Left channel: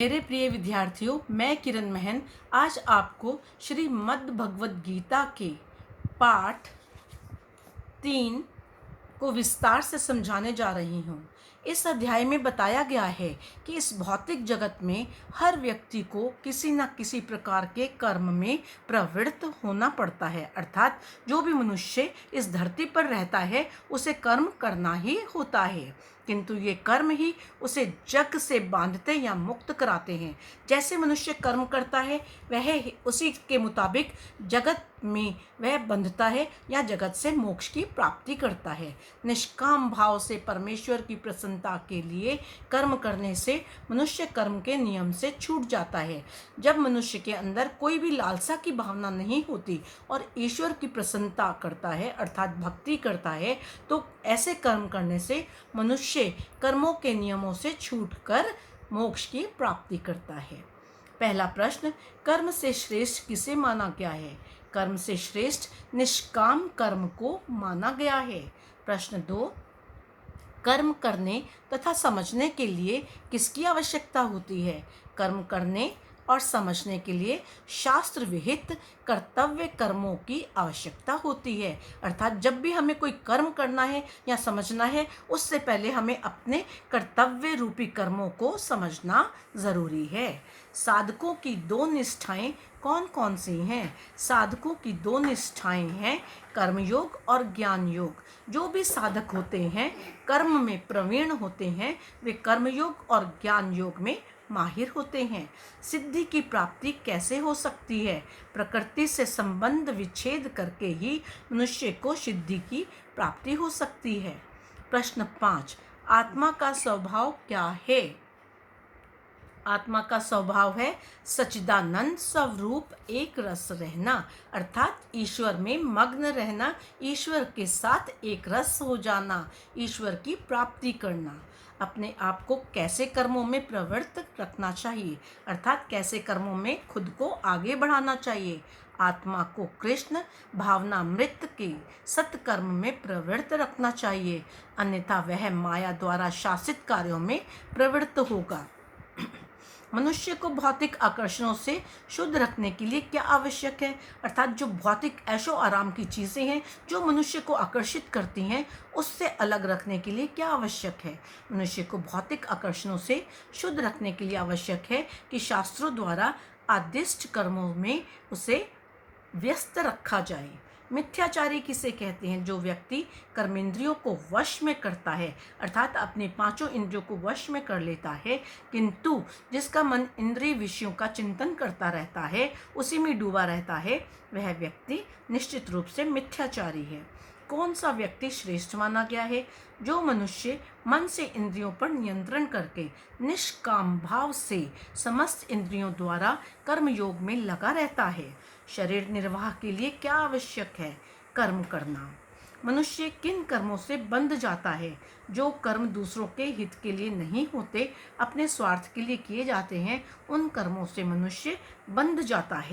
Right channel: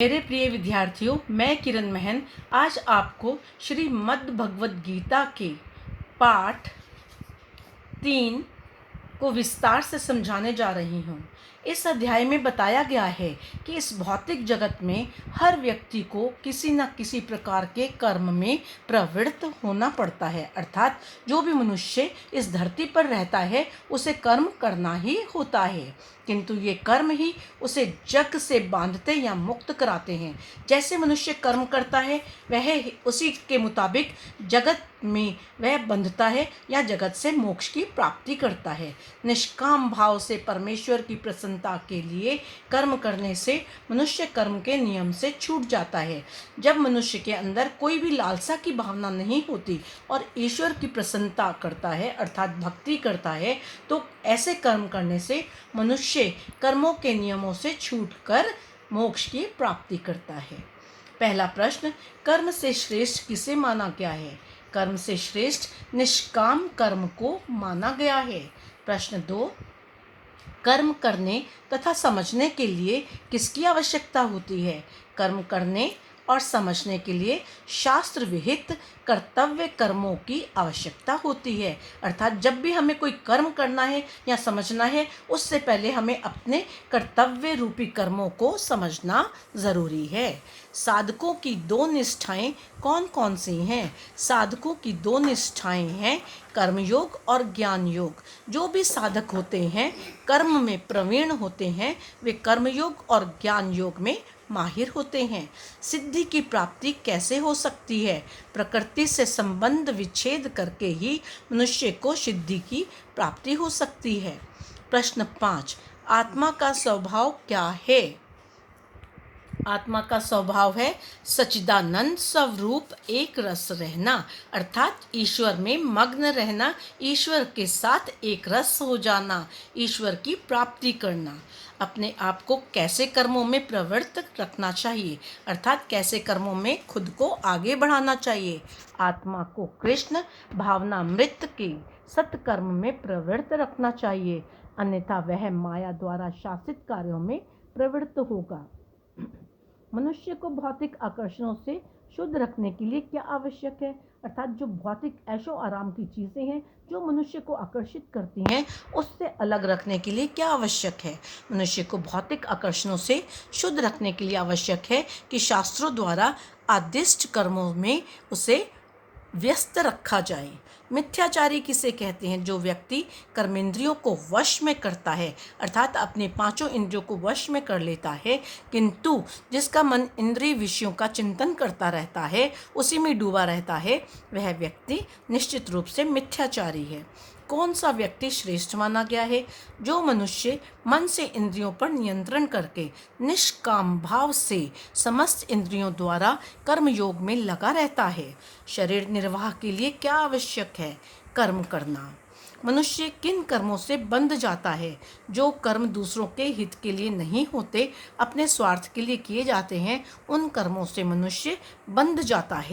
मेरे प्रिय विद्यार्थियों, मैं किरण महन आज आपको श्रीमद् भगवद गीता के पाठ 3 को विस्तार से समझाने जा रही हूँ। इस अध्याय में बताया गया है कि इस भौतिक जगत में हर व्यक्ति को किसी न किसी प्रकार के कर्म में प्रवृत्त होना पड़ता है। अर्थात जो भी मनुष्य इस धरती पर रहता है उसे कर्म करना ही होता है, किंतु ये कर्म ही उसे जग से बांधते या मुक्त कराते हैं। जैसे मनुष्य कर्म करता है वह उसी के मुताबिक जगत में वह बंधता है या जगत से मोक्ष की प्राप्ति करता है। निष्काम भाव से परमेश्वर की प्रसन्नता के लिए कर्म करने से मनुष्य कर्म के नियम से छूट जाता है। जब मनुष्य के अंदर कोई भी लालसा की भावना नहीं होती और ईश्वर की प्रसन्नता करता है अर्थात भक्ति करता है, तो ऐसे कर्म करने से मनुष्य कर्मों के नियमों से छूटकर मोक्ष की प्राप्ति करता है। पहला प्रश्न, कर्म से श्रेष्ठ किसे माना गया है? कर्म से श्रेष्ठ निष्काम कर्म को माना गया है। प्रश्न 2, कर्म करने तथा समझने के लिए किसकी आवश्यकता होती है? कर्म करने और समझने के लिए शास्त्र विहित कर्तव्य कर्मों की आवश्यकता होती है। अर्थात जब भी हमें कोई कर्म करना है या समझना है, उससे पहले हमें अपने कर्तव्य रूपी कर्मों को समझना ज़रूरी है। साधकों की 2 निष्ठाएं कौन कौन सी हैं? साधकों की 2 निष्ठाएं हैं कर्मयोग और ज्ञान योग। जो भी साधक होते हैं, कर्म में प्रवीण होते हैं, वे कर्मयोग और ज्ञान योग में माहिर होते हैं। सिद्धि की प्राप्ति कैसे हो सकती है? प्रकृति से संबंध विच्छेद करके ही मनुष्य को सिद्धि की प्राप्ति हो सकती है। प्रश्न 5, आत्मा का स्वभाव क्या है? आत्मा का स्वभाव है सच्चिदानंद स्वरूप एक रस रहना, अर्थात ईश्वर में मग्न रहना, ईश्वर के साथ एक रस हो जाना, ईश्वर की प्राप्ति करना। अपने आप को कैसे कर्मों में प्रवृत्त रखना चाहिए, अर्थात कैसे कर्मों में खुद को आगे बढ़ाना चाहिए। आत्मा को कृष्ण भावनामृत के सत्कर्म में प्रवृत्त रखना चाहिए, अन्यथा वह माया द्वारा शासित कार्यों में प्रवृत्त होगा। मनुष्य को भौतिक आकर्षणों से शुद्ध रखने के लिए क्या आवश्यक है? अर्थात जो भौतिक ऐशो आराम की चीज़ें हैं जो मनुष्य को आकर्षित करती हैं, उससे अलग रखने के लिए क्या आवश्यक है? मनुष्य को भौतिक आकर्षणों से शुद्ध रखने के लिए आवश्यक है कि शास्त्रों द्वारा आदिष्ट कर्मों में उसे व्यस्त रखा जाए। मिथ्याचारी किसे कहते हैं? जो व्यक्ति कर्मेंद्रियों को वश में करता है, अर्थात अपने 5 इंद्रियों को वश में कर लेता है, किंतु जिसका मन इंद्रिय विषयों का चिंतन करता रहता है, उसी में डूबा रहता है, वह व्यक्ति निश्चित रूप से मिथ्याचारी है। कौन सा व्यक्ति श्रेष्ठ माना गया है? जो मनुष्य मन से इंद्रियों पर नियंत्रण करके निष्काम भाव से समस्त इंद्रियों द्वारा कर्म योग में लगा रहता है। शरीर निर्वाह के लिए क्या आवश्यक है? कर्म करना। मनुष्य किन कर्मों से बंध जाता है? जो कर्म दूसरों के हित के लिए नहीं होते, अपने स्वार्थ के लिए किए जाते हैं, उन कर्मों से मनुष्य बंध जाता है।